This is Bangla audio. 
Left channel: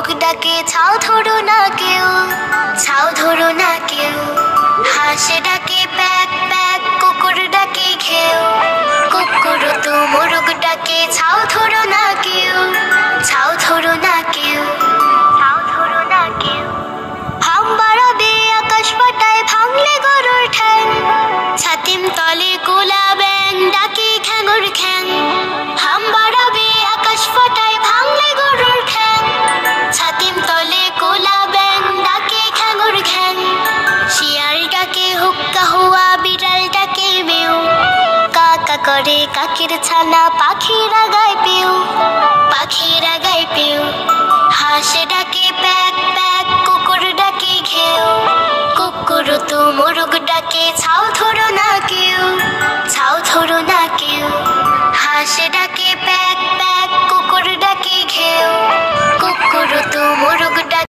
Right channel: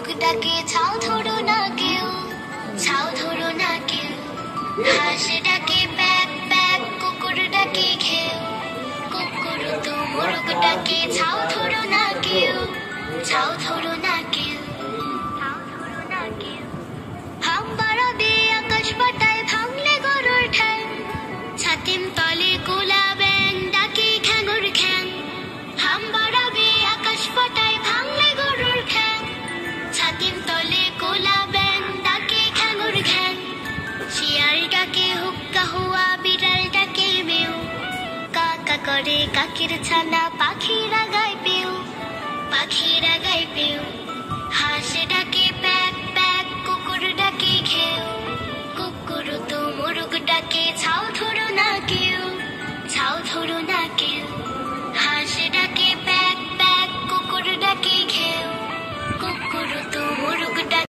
মোরগ ডাকে ছাও ধরো না কেউ, ছাও ধরো না কেউ। হাঁস ডাকে প্যাক প্যাক, কুকুর ডাকে ঘেউ, কুকুর তো মোরগ ডাকে ছাও ধরো না কেউ, ছাও ধরো না কেউ, ছাও ধরো না কেউ। হাম বাড়াবে আকাশ পাতায় ভাঙলে গরুর ঠ্যাং, ছাতিম তলে গোলা ব্যাং ডাকে খ্যাঙুর খ্যাং। হাম বাড়াবে আকাশ পাতায় ভাঙলে গরুর ঠ্যাং, ছাতিম তলে গোলা ব্যাং ডাকে খ্যাঙুর খ্যাং। শিয়াল ডাকে হুক্কা হুয়া, বিড়াল ডাকে মেউ, কাকা করে কাকের ছানা, পাখিরা গায় পেউ, পাখিরা গায় পেউ। হাঁস ডাকে প্যাক প্যাক, কুকুর ডাকে ঘেউ, কুকুর তো মোরগ ডাকে ছাও ধরো